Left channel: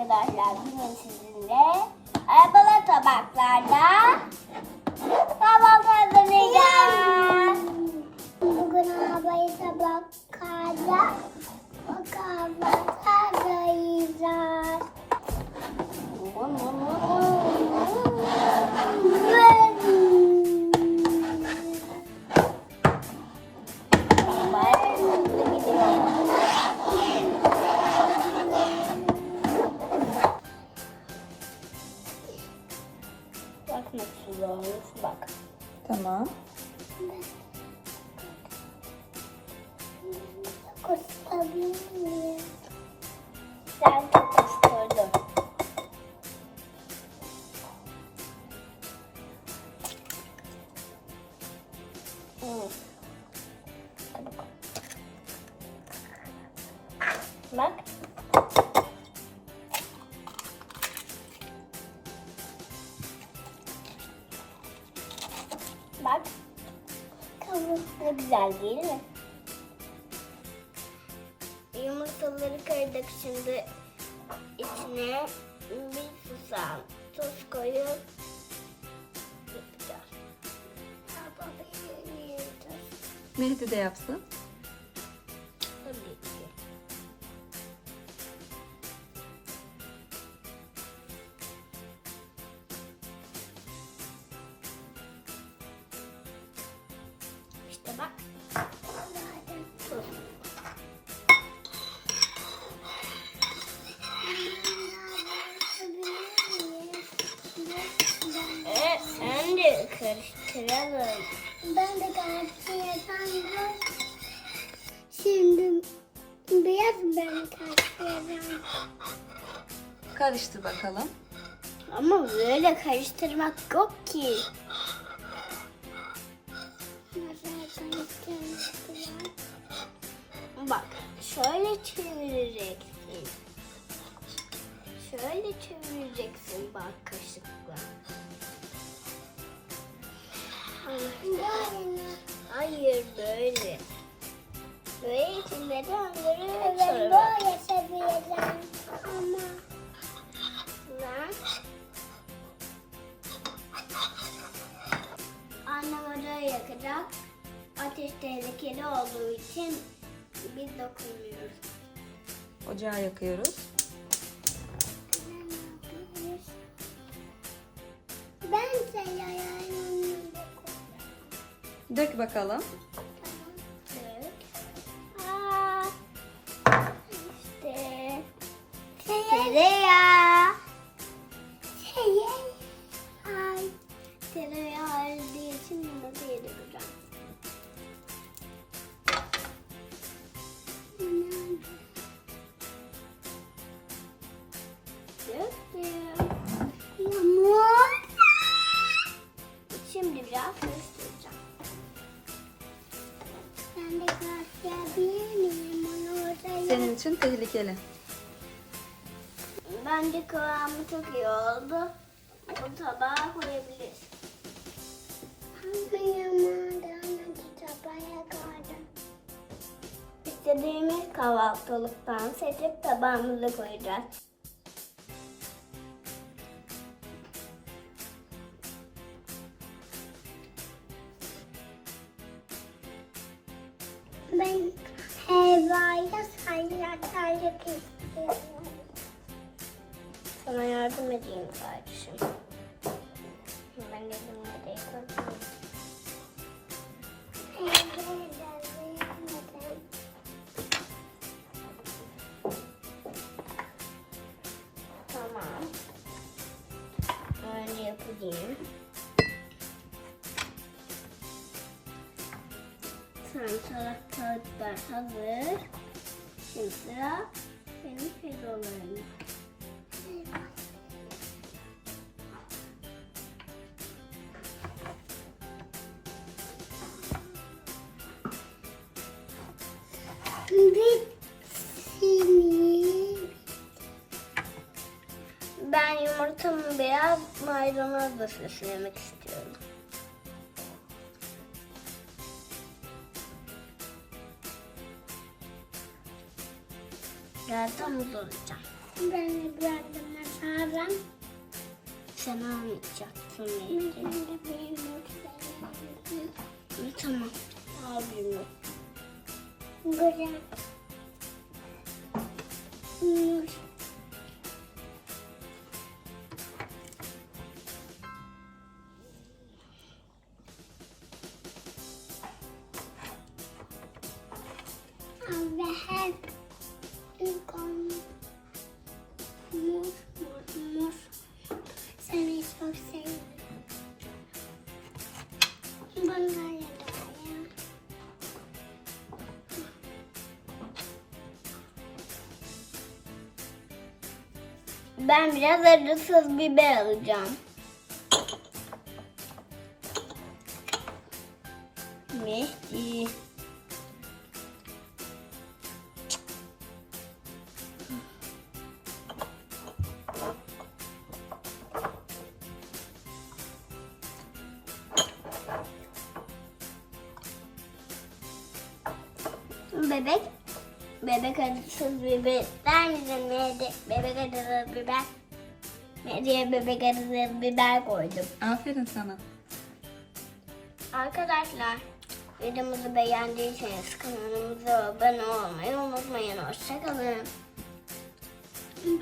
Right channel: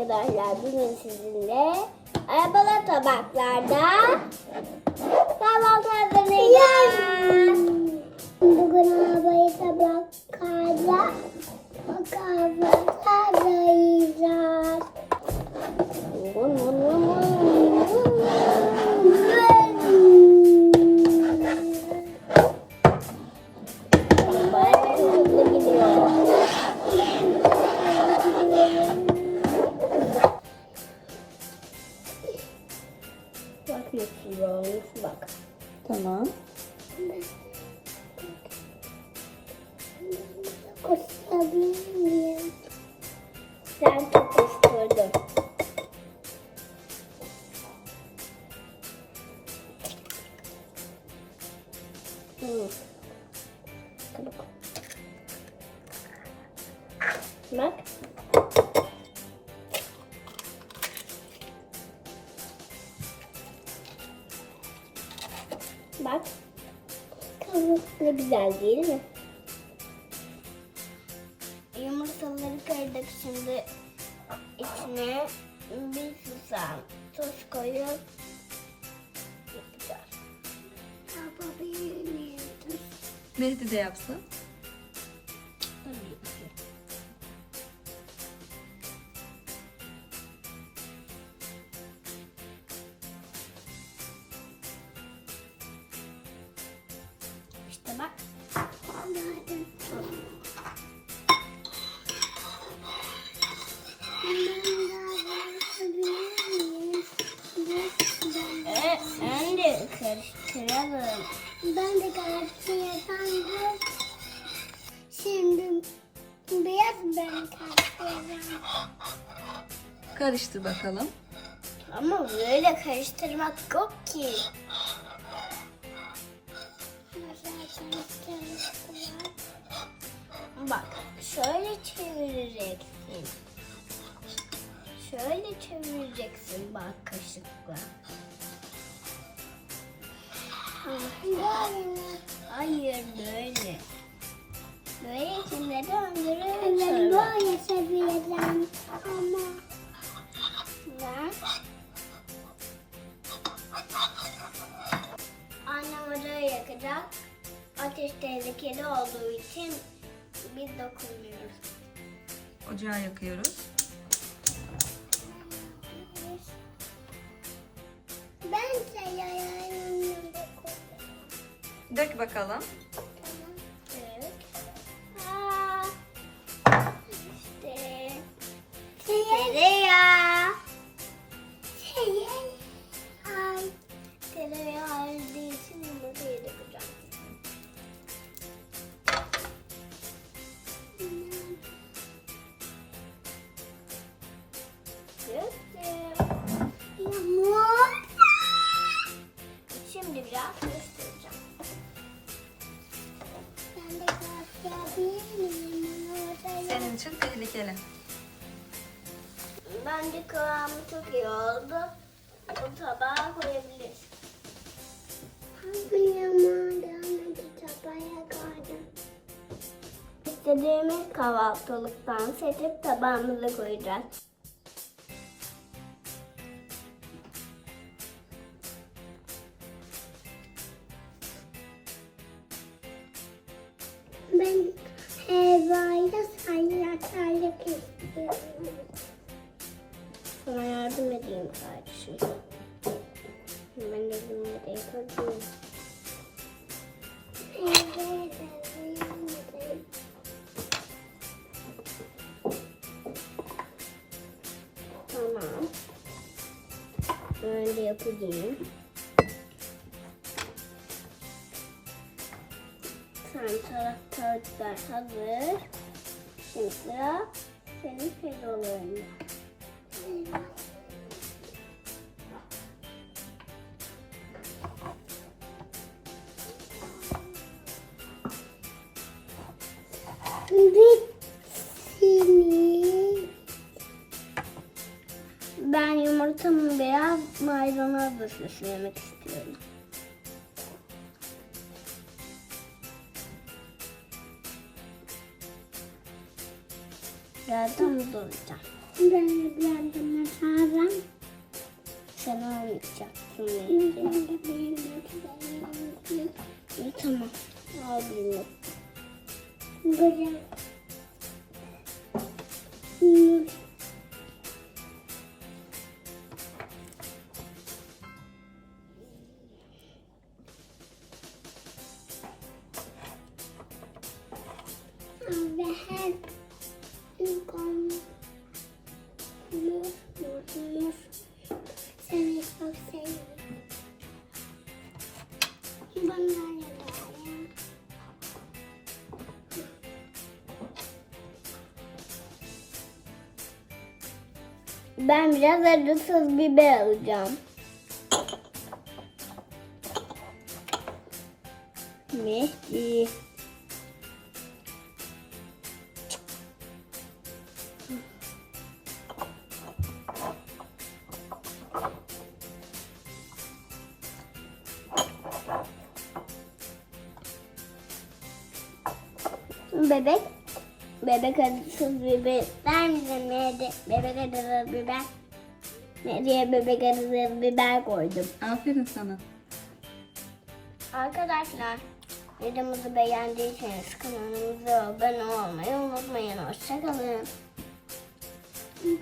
arkadaşlar bugün sizinle arabalı tabaklarda tabak hazırlayacağız. Bugün arabayı tabaklarla kahvaltı hazırlayacağız. Tamam. Kusabilir miyim? Tutuşturdun. Hı. Çabuk. Bak. Bak. Kavuk ne güzel değil mi? Yumurtaları kırdık şimdi içine bir susam tuz koyup yapacağız. Yapabilir miyim? Meliti de yapsın. Tabii Ben de sandım. Şimdi beyaz ben karşıya Karıştır bakalım. Ama böyle karıştırmak yok ki. Bak, şöyle çevireceksin. Şöyle çevireceksin Hayır böyle. Böyle içinde döndürüyorsun. Evet böyle seviyorum ama Ver. Annem ocağı yakacak. Ateş tehlikeli olduğu için biz dokunmuyoruz. Ocağı yakıyoruz. ben sayarım. Dök bakalım. Evet. Aa, işte tereyağı. Ay. Tereyağı öldüğü için yumurtayı dökeceğim. Döktüm. Yağmur. Şimdi biraz tehlikeli. Bence kıvamı çok iyi oldu. Bu tabağa koyabiliriz. Hangi yağmurdan tabaya koydum? İstediğimiz kahvaltılıktan seçip tabağımıza koyacağız. Ben helvayla istiyorum. Sana yardım edeyim kardeşim. Ben elimle de yıkayayım. Tamam. Öyle yapayım. Sen salatalıklar hazır. Şimdi sıra senin. Bitsin. Ben yumurtamı beyaz maydanozla süslemek istiyorum. Yardım olacağım. Ben gördüm mesela. Sen almayacaksın. Tamam. Abim. Nur. Ve her Ben biraz acısız biber alacağım. Mehdi. Bebek. Bebek acısız biber ister misin? Bebek, acısız biber. Nereye bebek acısız biber koydum. Aferin sana. Arkadaşlar videomuzu beğendiyseniz kanalımıza abone olmayı unutmayın. Hoşçakalın. Bye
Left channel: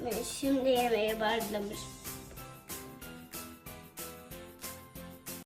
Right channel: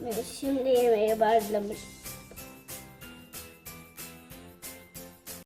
bye. Şimdi yemeğe başlamış.